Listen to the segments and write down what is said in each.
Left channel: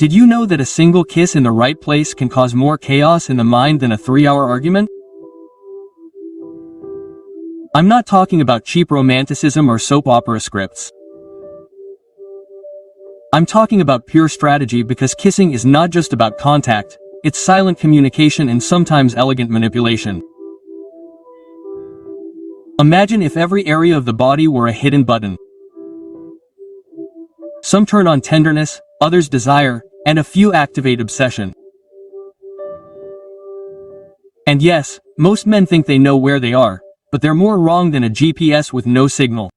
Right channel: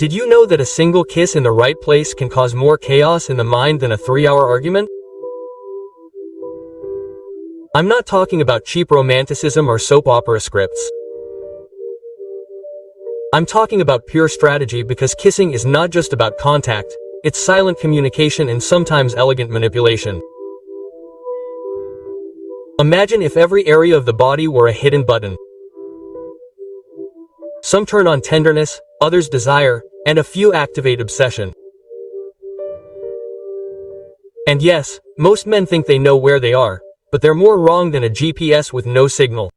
Did you know that a single kiss in the right place can cause more chaos in the mind than a 3-hour argument? I'm not talking about cheap romanticism or soap opera scripts. I'm talking about pure strategy, because kissing is not just about contact, it's silent communication and sometimes elegant manipulation. Imagine if every area of the body were a hidden button. Some turn on tenderness, others desire, and a few activate obsession. And yes, most men think they know where they are, but they're more wrong than a GPS with no signal.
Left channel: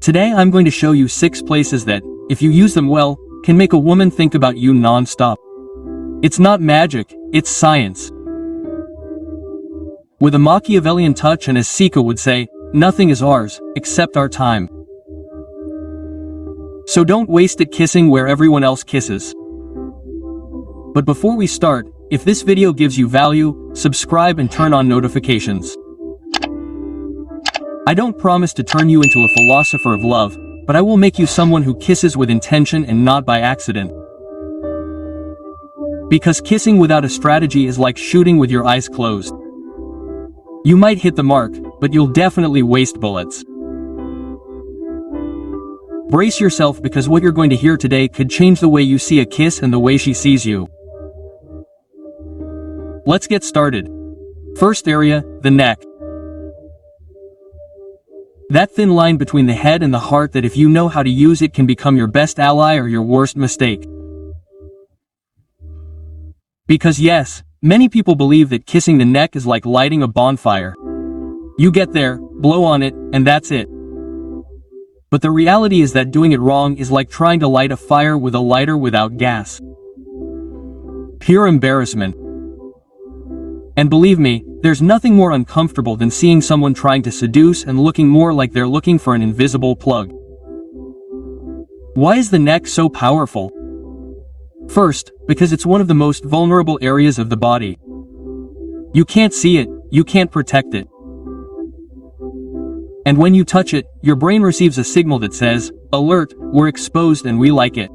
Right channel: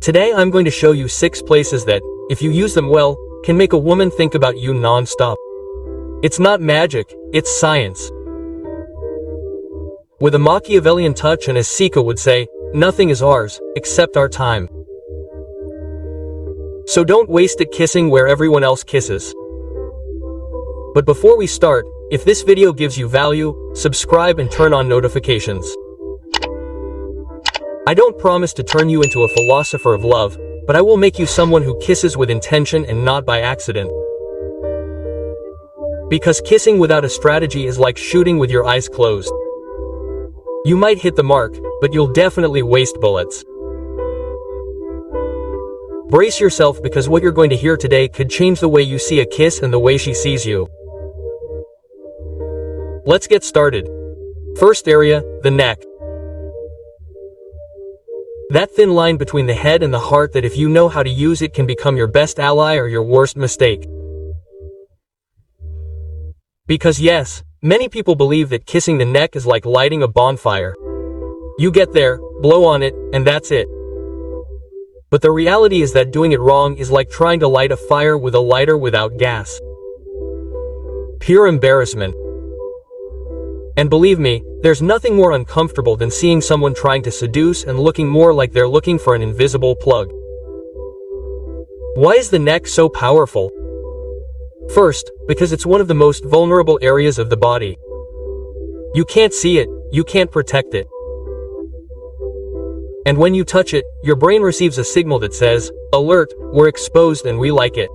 Today I'm going to show you 6 places that, if you use them well, can make a woman think about you non-stop. It's not magic, it's science. With a Machiavellian touch, and as Sika would say, nothing is ours, except our time. So don't waste it kissing where everyone else kisses. But before we start, if this video gives you value, subscribe and turn on notifications. I don't promise to turn you into a philosopher of love, but I will make you someone who kisses with intention and not by accident. Because kissing without a strategy is like shooting with your eyes closed. You might hit the mark, but you'll definitely waste bullets. Brace yourself, because what you're going to hear today could change the way you see a kiss and the way she sees you. Let's get started. First area, the neck. That thin line between the head and the heart that, if you know how to use it, can become your best ally or your worst mistake. Because yes, many people believe that kissing the neck is like lighting a bonfire. You get there, blow on it, and that's it. But the reality is that doing it wrong is like trying to light a fire with a lighter without gas. Pure embarrassment. And believe me, there's nothing more uncomfortable than seeing someone trying to seduce and looking more like they're looking for an invisible plug. Why is the neck so powerful? First, because it's one of the most vulnerable areas of the body. You can't see it, you can't protect it. And when you touch it, your brain receives a signal that says, "Alert, we're exposed and we like it."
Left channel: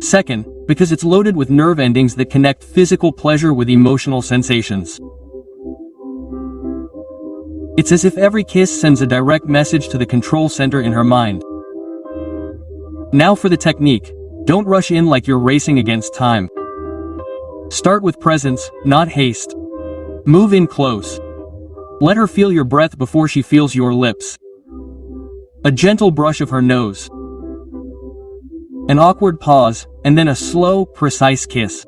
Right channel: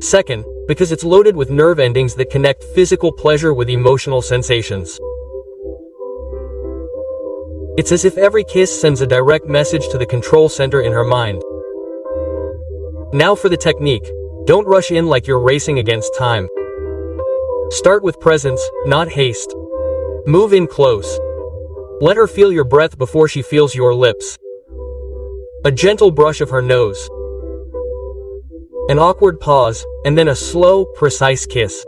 Second, because it's loaded with nerve endings that connect physical pleasure with emotional sensations. It's as if every kiss sends a direct message to the control center in her mind. Now for the technique. Don't rush in like you're racing against time. Start with presence, not haste. Move in close. Let her feel your breath before she feels your lips. A gentle brush of her nose. An awkward pause, and then a slow, precise kiss.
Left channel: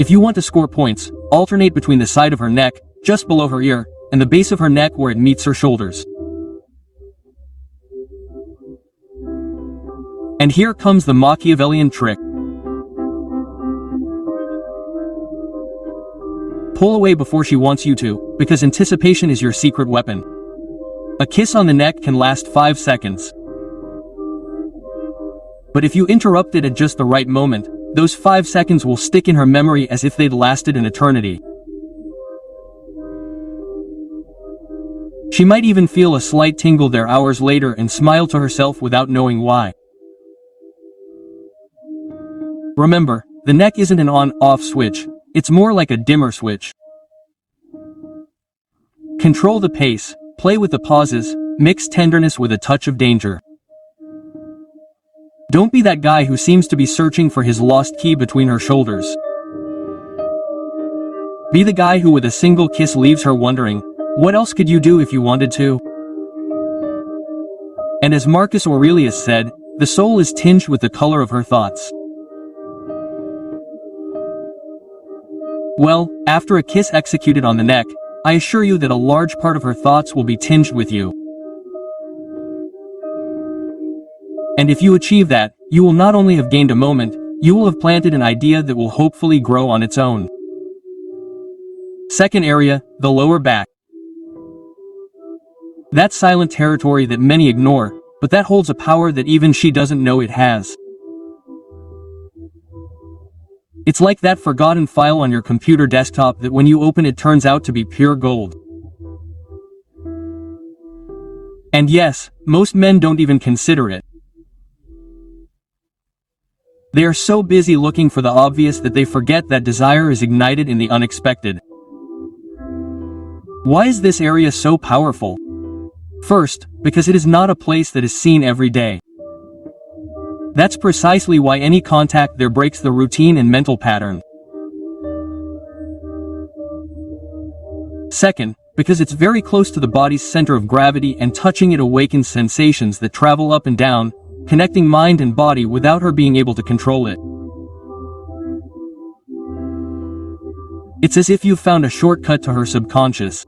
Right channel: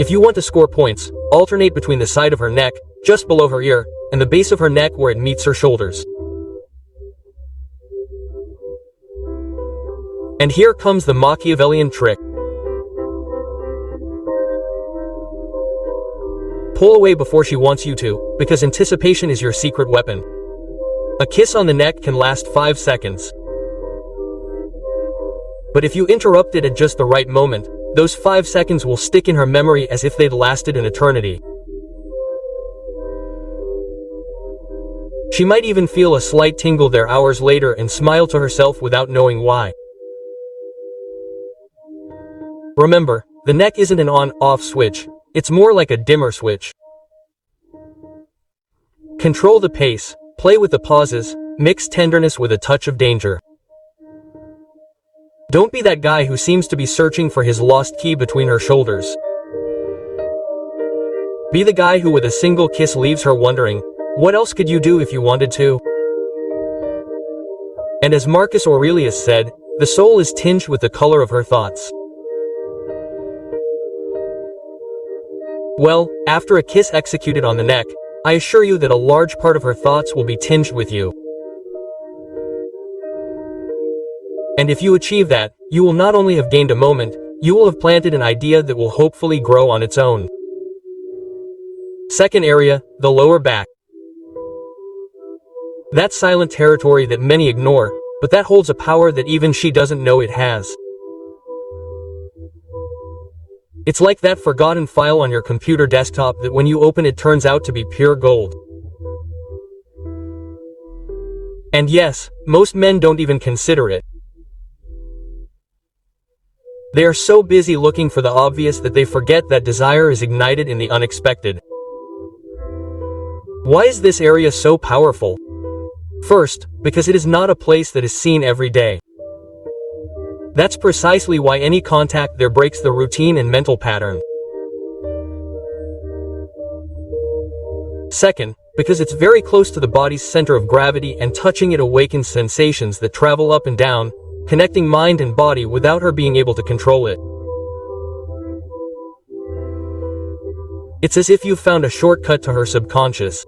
If you want to score points, alternate between the side of her neck, just below her ear, and the base of her neck where it meets her shoulders. And here comes the Machiavellian trick. Pull away before she wants you to, because anticipation is your secret weapon. A kiss on the neck can last 5 seconds. But if you interrupt it at just the right moment, those 5 seconds will stick in her memory as if they'd lasted an eternity. She might even feel a slight tingle there hours later and smile to herself without knowing why. Remember, the neck isn't an on-off switch. It's more like a dimmer switch. Control the pace, play with the pauses, mix tenderness with a touch of danger. Don't be that guy who seems to be searching for his lost key between her shoulders. Be the guy who with a single kiss leaves her wondering, what else could you do if you wanted to? And as Marcus Aurelius said, the soul is tinged with the color of her thoughts. Well, after a kiss executed on the neck, I assure you that a large part of her thoughts will be tinged with you. And if you achieve that, you will not only have gained a moment, you will have planted an idea that will hopefully grow on its own. Second area, the lower back. That silent territory that many ignore, but that holds a power that even she doesn't know it has. It's like that forgotten file on your computer desktop that when you open it turns out to be pure gold. And yes, most men don't even consider it. They are so busy looking for the obvious that they forget that desire is ignited in the unexpected. Why is this area so powerful? First, because it is not a place that is seen every day. That's precisely why any contact there breaks the routine and mental pattern. Second, because it's very close to the body's center of gravity and touching it awakens sensations that travel up and down, connecting mind and body without her being able to control it. It's as if you've found a shortcut to her subconscious.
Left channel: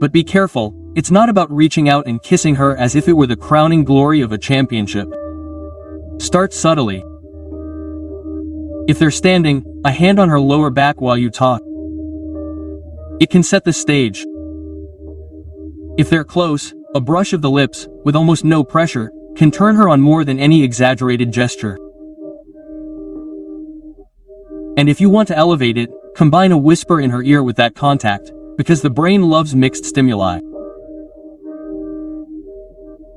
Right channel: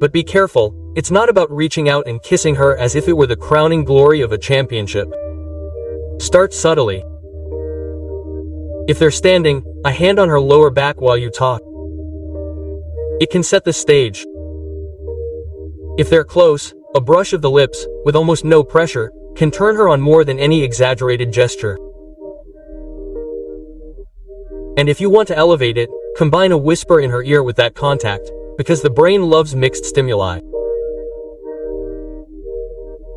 But be careful, it's not about reaching out and kissing her as if it were the crowning glory of a championship. Start subtly. If they're standing, a hand on her lower back while you talk. It can set the stage. If they're close, a brush of the lips, with almost no pressure, can turn her on more than any exaggerated gesture. And if you want to elevate it, combine a whisper in her ear with that contact, because the brain loves mixed stimuli.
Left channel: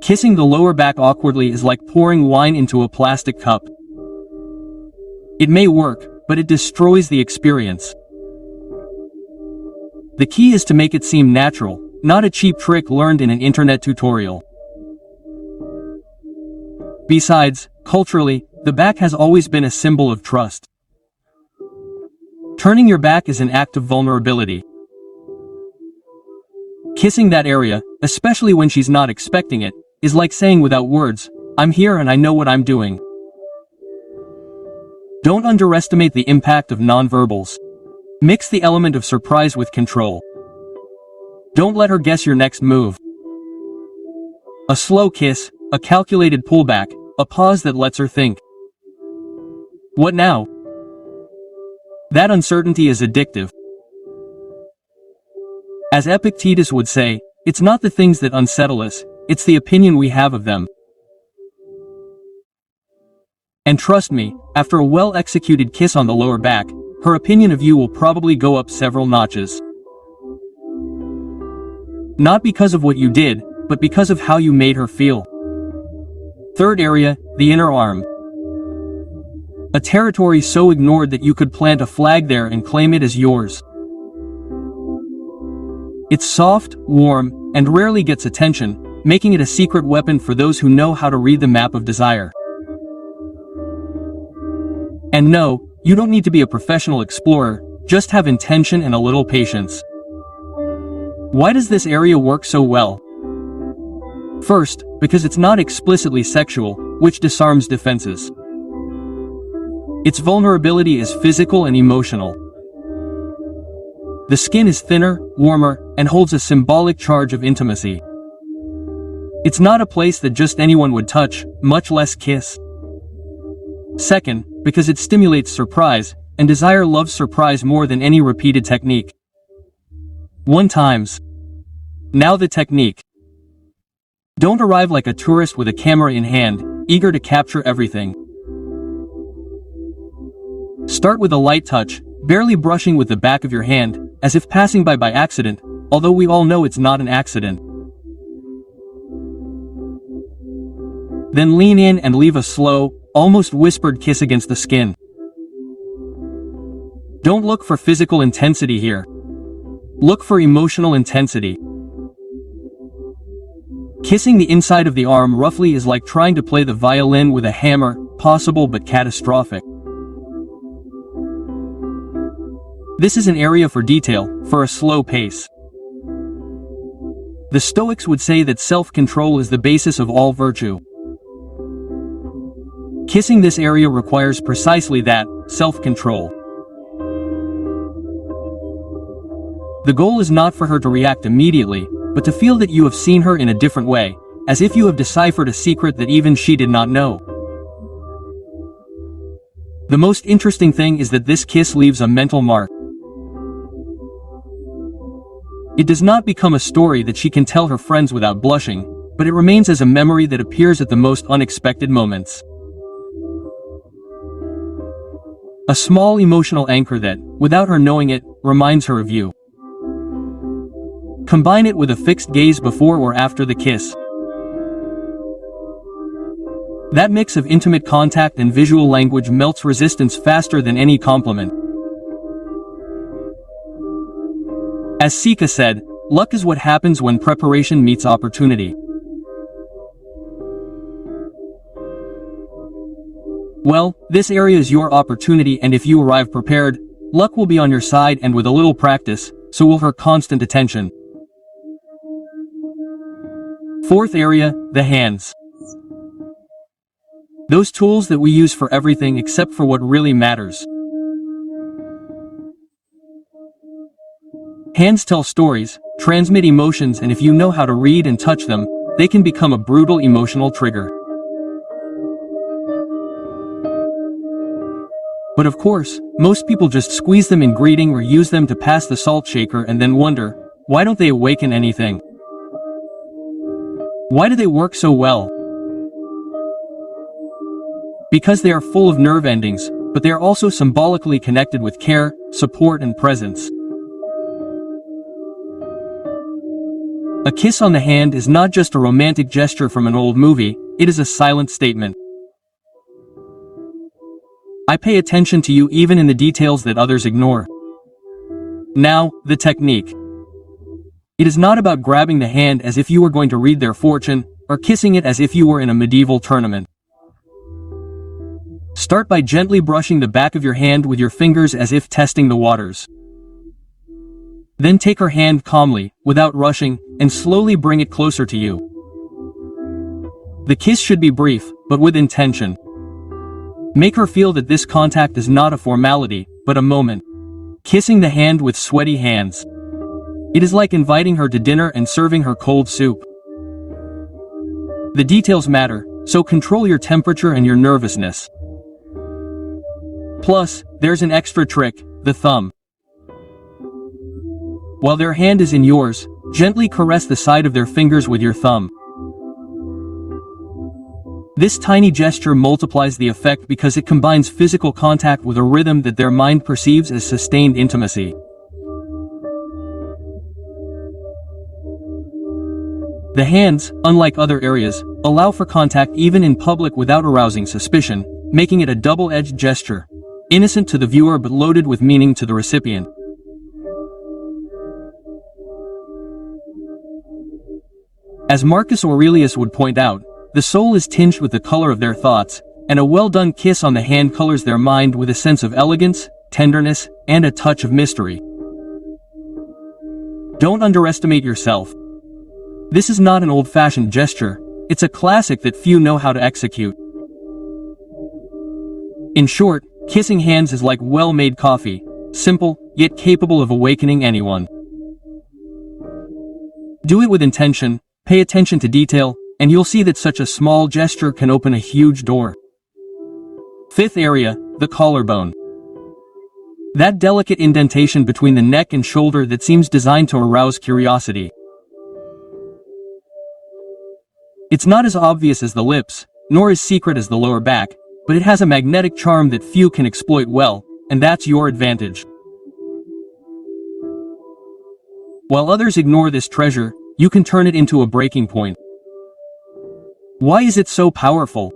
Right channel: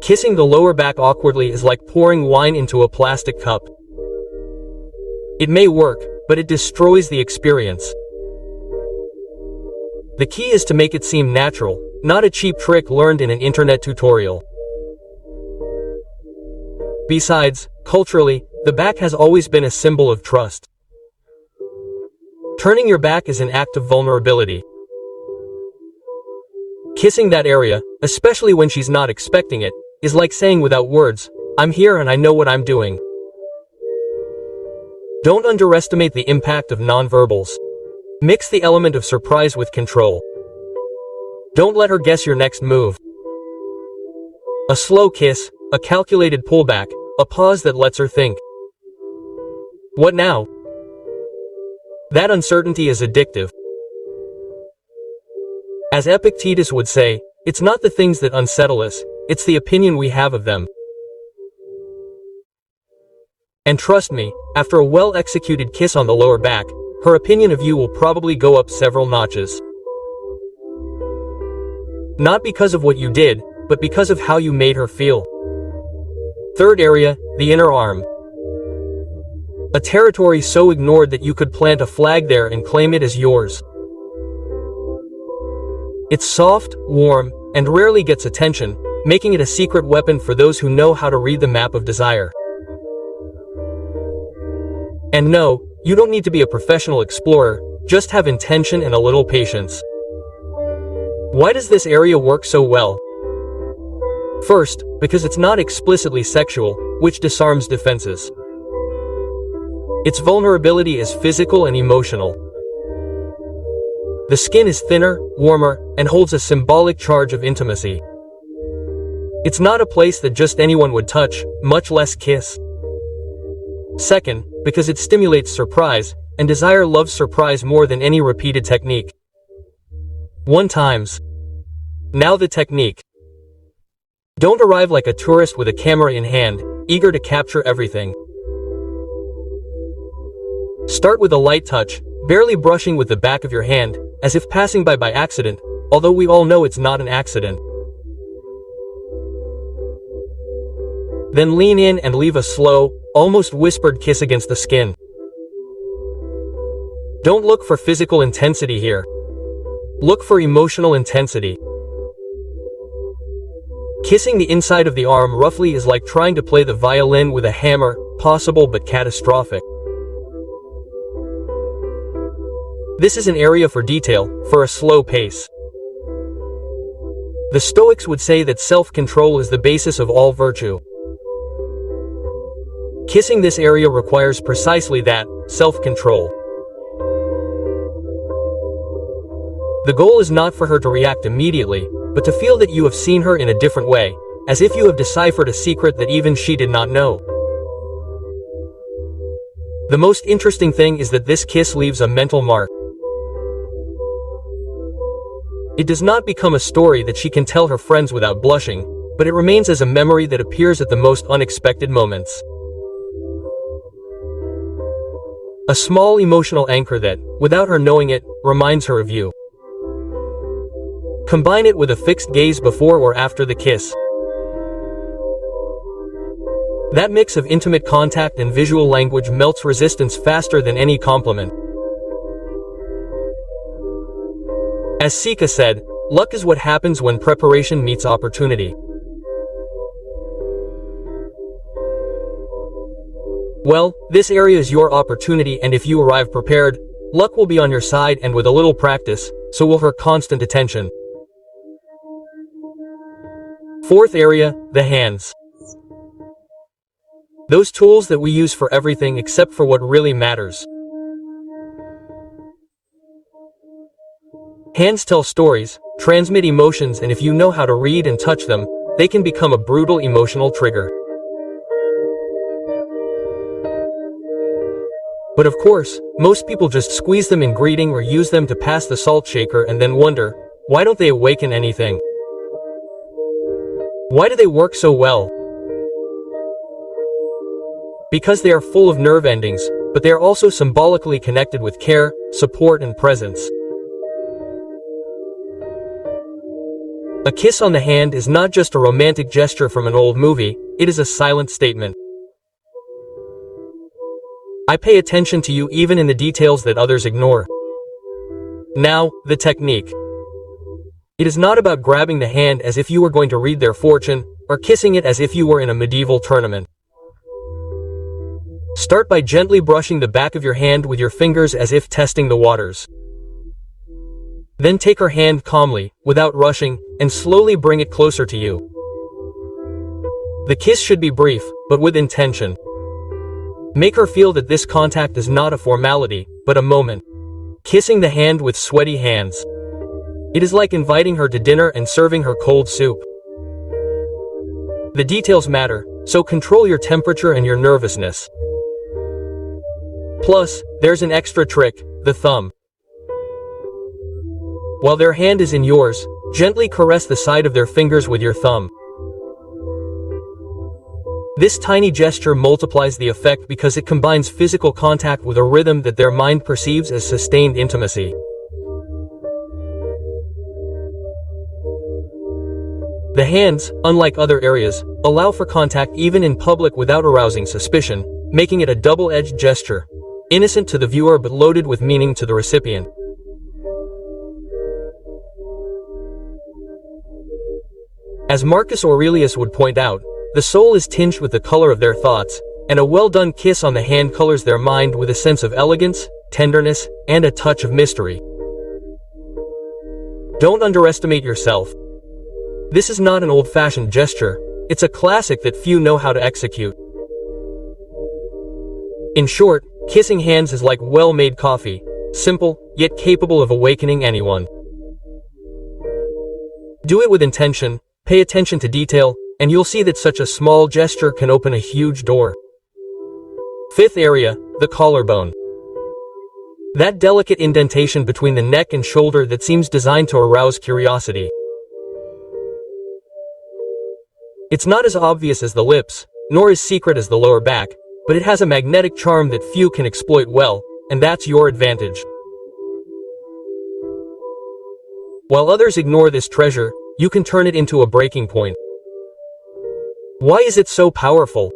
Kissing the lower back awkwardly is like pouring wine into a plastic cup. It may work, but it destroys the experience. The key is to make it seem natural, not a cheap trick learned in an internet tutorial. Besides, culturally, the back has always been a symbol of trust. Turning your back is an act of vulnerability. Kissing that area, especially when she's not expecting it, is like saying without words, "I'm here and I know what I'm doing." Don't underestimate the impact of nonverbals. Mix the element of surprise with control. Don't let her guess your next move. A slow kiss, a calculated pullback, a pause that lets her think. What now? That uncertainty is addictive. As Epictetus would say, it's not the things that unsettle us, it's the opinion we have of them. And trust me, after a well-executed kiss on the lower back, her opinion of you will probably go up several notches. Not because of what you did, but because of how you made her feel. Third area, the inner arm. A territory so ignored that you could plant a flag there and claim it as yours. It's soft, warm, and rarely gets attention, making it a secret weapon for those who know how to read the map of desire. And no, you don't need to be a professional explorer, just have intention and a little patience. Why does this area work so well? First, because it's not explicitly sexual, which disarms defenses. Its vulnerability is physical and emotional. The skin is thinner, warmer, and holds a symbolic charge of intimacy. It's not a place that just anyone would touch, much less kiss. Second, because it stimulates surprise, and desire loves surprise more than any repeated technique. 1 times. Now the technique. Don't arrive like a tourist with a camera in hand, eager to capture everything. Start with a light touch, barely brushing with the back of your hand, as if passing by accident, although we all know it's not an accident. Then lean in and leave a slow, almost whispered kiss against the skin. Don't look for physical intensity here. Look for emotional intensity. Kissing the inside of the arm roughly is like trying to play the violin with a hammer, possible but catastrophic. This is an area for detail, for a slow pace. The Stoics would say that self-control is the basis of all virtue. Kissing this area requires precisely that, self-control. The goal is not for her to react immediately, but to feel that you have seen her in a different way, as if you have deciphered a secret that even she did not know. The most interesting thing is that this kiss leaves a mental mark. It does not become a story that she can tell her friends without blushing, but it remains as a memory that appears at the most unexpected moments. A small emotional anchor that, without her knowing it, reminds her of you. Combine it with a fixed gaze before or after the kiss. That mix of intimate contact and visual language melts resistance faster than any compliment. As Sika said, luck is what happens when preparation meets opportunity. Well, this area is your opportunity, and if you arrive prepared, luck will be on your side, and with a little practice, so will her constant attention. Fourth area, the hands. Those tools that we use for everything except for what really matters. Hands tell stories, transmit emotions, and if you know how to read and touch them, they can become a brutal emotional trigger. But of course, most people just squeeze them in greeting or use them to pass the salt shaker and then wonder, why don't they awaken anything? Why do they work so well? Because they are full of nerve endings, but they are also symbolically connected with care, support, and presence. A kiss on the hand is not just a romantic gesture from an old movie, it is a silent statement. I pay attention to you even in the details that others ignore. Now, the technique. It is not about grabbing the hand as if you were going to read their fortune, or kissing it as if you were in a medieval tournament. Start by gently brushing the back of your hand with your fingers as if testing the waters. Then take her hand calmly, without rushing, and slowly bring it closer to you. The kiss should be brief, but with intention. Make her feel that this contact is not a formality, but a moment. Kissing the hand with sweaty hands. It is like inviting her to dinner and serving her cold soup. The details matter, so control your temperature and your nervousness. Plus, there's an extra trick, the thumb. While their hand is in yours, gently caress the side of their fingers with your thumb. This tiny gesture multiplies the effect because it combines physical contact with a rhythm that their mind perceives as sustained intimacy. The hands, unlike other areas, allow for contact even in public without arousing suspicion, making it a double-edged gesture, innocent to the viewer but loaded with meaning to the recipient. As Marcus Aurelius would point out, the soul is tinged with the color of their thoughts, and a well-done kiss on the hand colors their mind with a sense of elegance, tenderness, and a touch of mystery. Don't underestimate yourself. This is not an old-fashioned gesture, it's a classic that few know how to execute. In short, kissing hands is like well-made coffee, simple, yet capable of awakening anyone. Do it with intention, pay attention to detail, and you'll see that such a small gesture can open a huge door. Fifth area, the collarbone. That delicate indentation between the neck and shoulder that seems designed to arouse curiosity. It's not as obvious as the lips, nor as secret as the lower back, but it has a magnetic charm that few can exploit well, and that's your advantage. While others ignore this treasure, you can turn it into a breaking point. Why is it so powerful?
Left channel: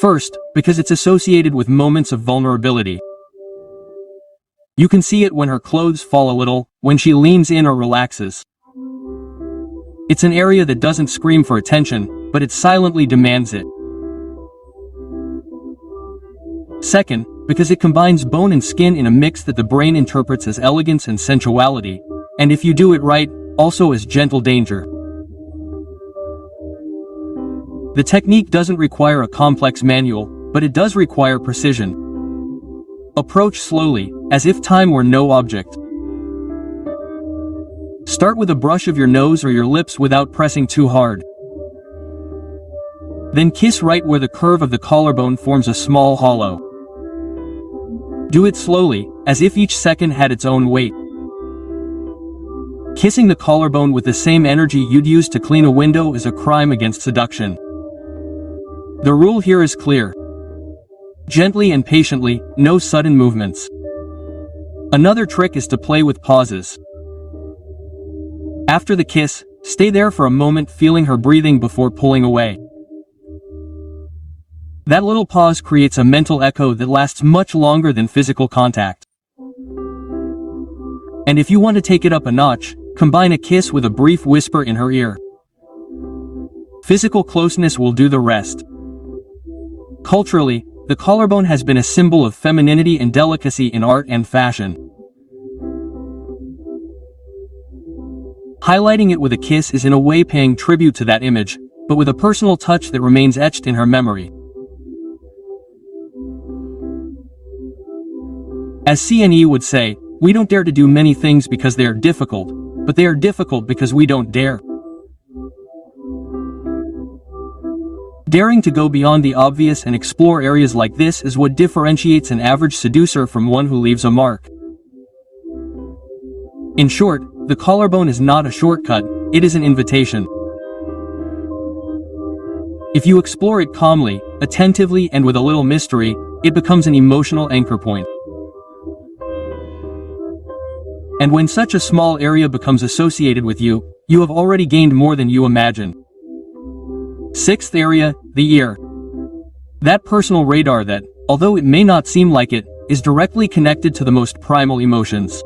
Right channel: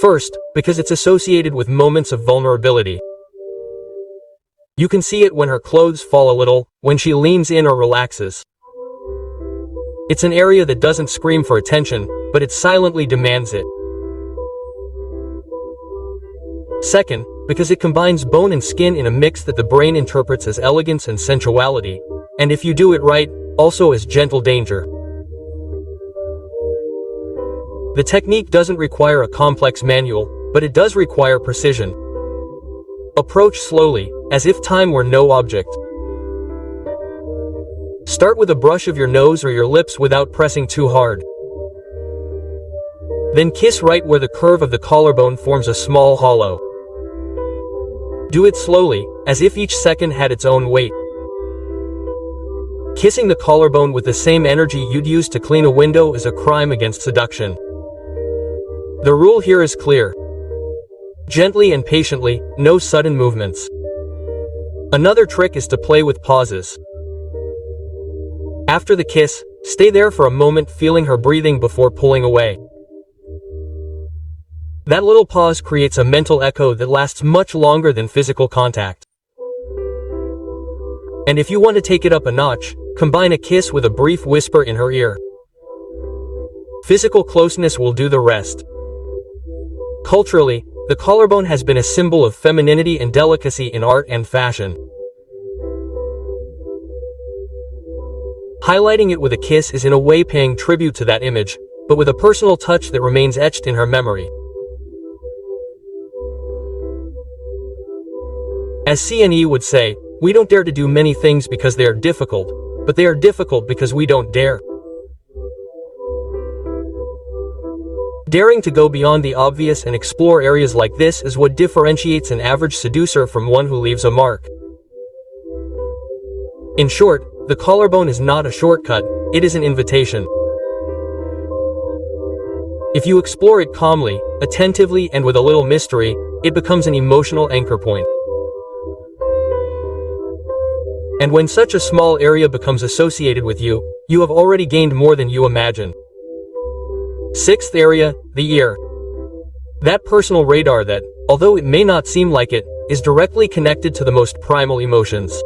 First, because it's associated with moments of vulnerability. You can see it when her clothes fall a little, when she leans in or relaxes. It's an area that doesn't scream for attention, but it silently demands it. Second, because it combines bone and skin in a mix that the brain interprets as elegance and sensuality, and if you do it right, also as gentle danger. The technique doesn't require a complex manual, but it does require precision. Approach slowly, as if time were no object. Start with a brush of your nose or your lips without pressing too hard. Then kiss right where the curve of the collarbone forms a small hollow. Do it slowly, as if each second had its own weight. Kissing the collarbone with the same energy you'd use to clean a window is a crime against seduction. The rule here is clear. Gently and patiently, no sudden movements. Another trick is to play with pauses. After the kiss, stay there for a moment feeling her breathing before pulling away. That little pause creates a mental echo that lasts much longer than physical contact. And if you want to take it up a notch, combine a kiss with a brief whisper in her ear. Physical closeness will do the rest. Culturally, the collarbone has been a symbol of femininity and delicacy in art and fashion. Highlighting it with a kiss is in a way paying tribute to that image, but with a personal touch that remains etched in her memory. As CNE would say, we don't dare to do many things because they are difficult, but they are difficult because we don't dare. Daring to go beyond the obvious and explore areas like this is what differentiates an average seducer from one who leaves a mark. In short, the collarbone is not a shortcut, it is an invitation. If you explore it calmly, attentively, and with a little mystery, it becomes an emotional anchor point. And when such a small area becomes associated with you, you have already gained more than you imagine. Sixth area, the ear. That personal radar that, although it may not seem like it, is directly connected to the most primal emotions.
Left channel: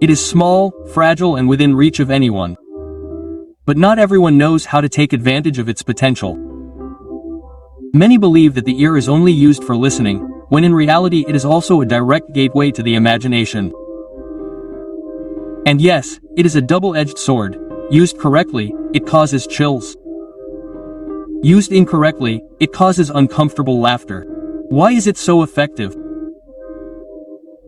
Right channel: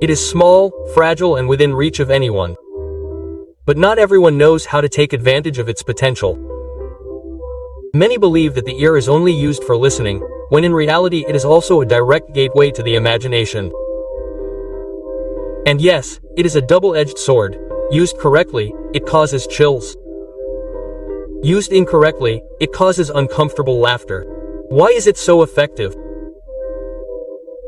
It is small, fragile, and within reach of anyone. But not everyone knows how to take advantage of its potential. Many believe that the ear is only used for listening, when in reality it is also a direct gateway to the imagination. And yes, it is a double-edged sword. Used correctly, it causes chills. Used incorrectly, it causes uncomfortable laughter. Why is it so effective?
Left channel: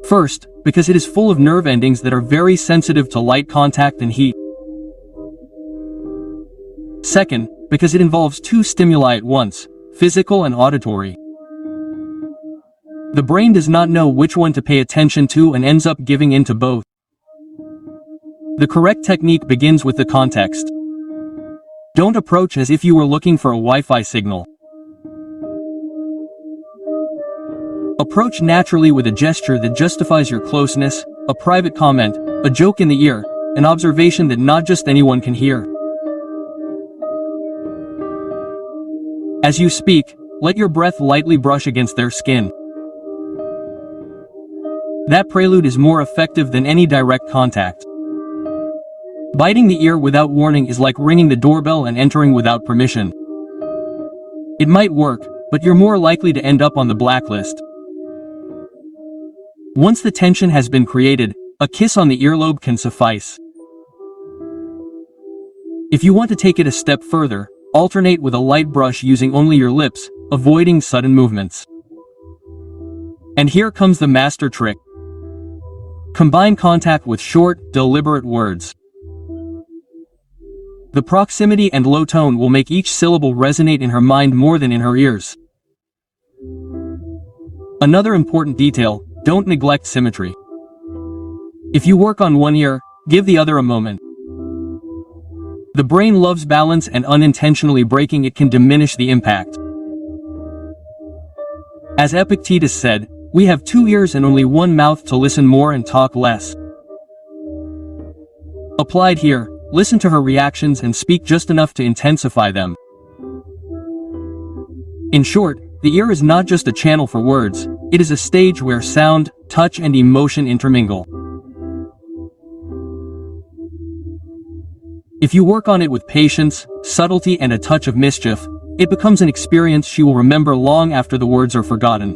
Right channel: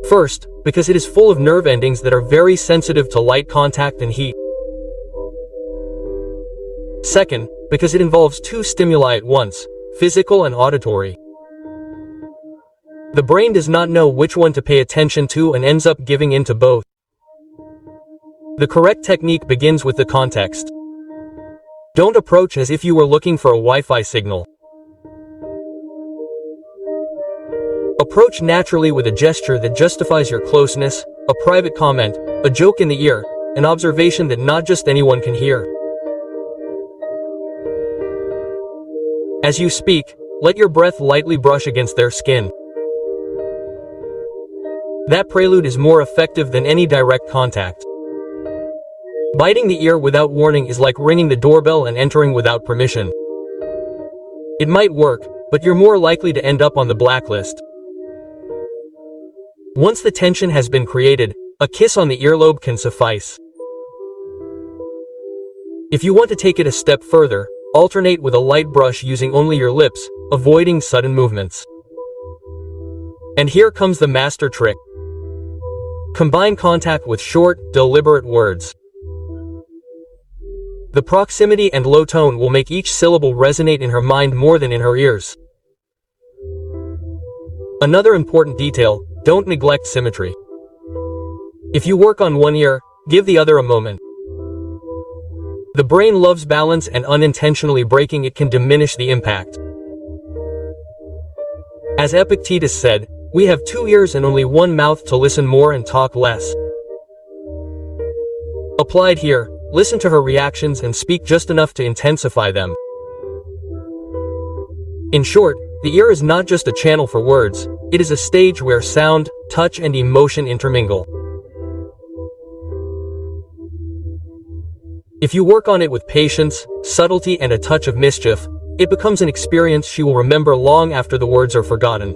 First, because it is full of nerve endings that are very sensitive to light contact and heat. Second, because it involves two stimuli at once, physical and auditory. The brain does not know which one to pay attention to and ends up giving in to both. The correct technique begins with the context. Don't approach as if you were looking for a Wi-Fi signal. Approach naturally with a gesture that justifies your closeness, a private comment, a joke in the ear, an observation that not just anyone can hear. As you speak, let your breath lightly brush against their skin. That prelude is more effective than any direct contact. Biting the ear without warning is like ringing the doorbell and entering without permission. It might work, but you're more likely to end up on the blacklist. Once the tension has been created, a kiss on the earlobe can suffice. If you want to take it a step further, alternate with a light brush using only your lips, avoiding sudden movements. And here comes the master trick. Combine contact with short, deliberate words. The proximity and low tone will make each syllable resonate in her mind more than in her ears. Another important detail, don't neglect symmetry. If you work on one ear, give the other a moment. The brain loves balance, and unintentionally breaking it can diminish the impact. As Epictetus said, we have two ears and only one mouth to listen more and talk less. Applied here, listen to her reactions and speak just enough to intensify them. In short, the ear is not just a channel for words, it is a stage where sound, touch, and emotion intermingle. If you work on it with patience, subtlety, and a touch of mischief, it becomes an experience she will remember long after the words are forgotten.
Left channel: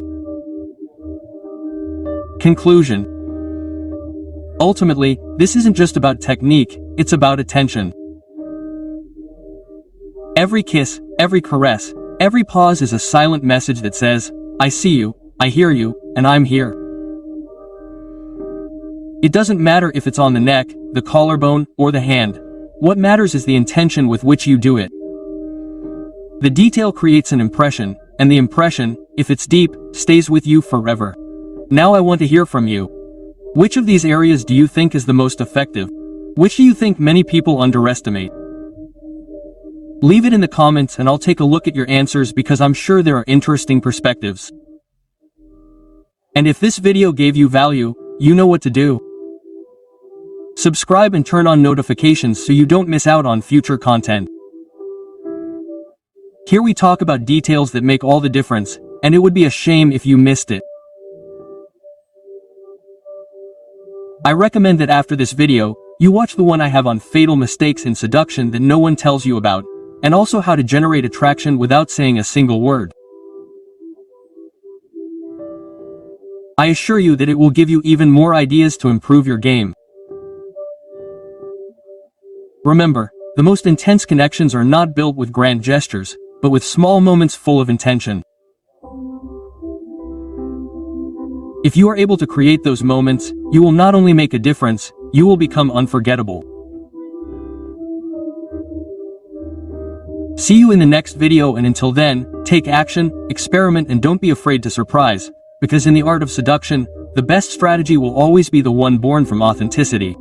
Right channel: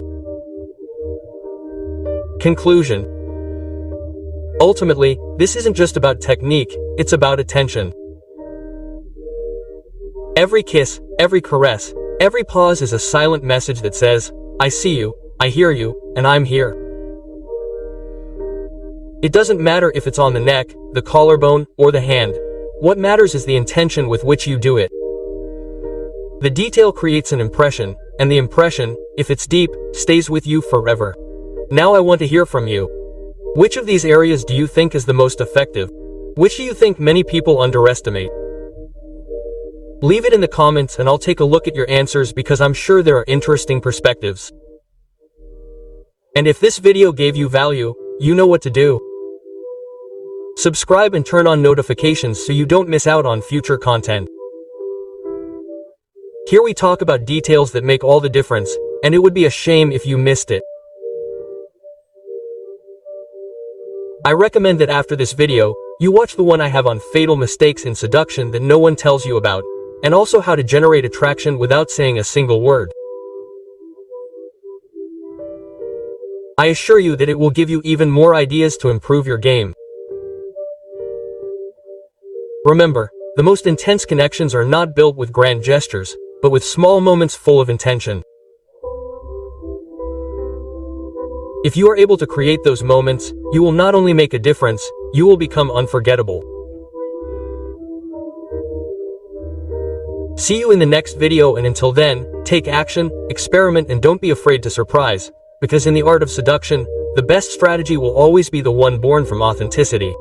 Conclusion. Ultimately, this isn't just about technique, it's about attention. Every kiss, every caress, every pause is a silent message that says, I see you, I hear you, and I'm here. It doesn't matter if it's on the neck, the collarbone, or the hand. What matters is the intention with which you do it. The detail creates an impression, and the impression, if it's deep, stays with you forever. Now I want to hear from you. Which of these areas do you think is the most effective? Which do you think many people underestimate? Leave it in the comments and I'll take a look at your answers because I'm sure there are interesting perspectives. And if this video gave you value, you know what to do. Subscribe and turn on notifications so you don't miss out on future content. Here we talk about details that make all the difference, and it would be a shame if you missed it. I recommend that after this video, you watch the one I have on fatal mistakes in seduction that no one tells you about, and also how to generate attraction without saying a single word. I assure you that it will give you even more ideas to improve your game. Remember, the most intense connections are not built with grand gestures, but with small moments full of intention. If you are able to create those moments, you will not only make a difference, you will become unforgettable. See you in the next video, and until then, take action, experiment, and don't be afraid to surprise, because in the art of seduction, the best strategy will always be the one born from authenticity.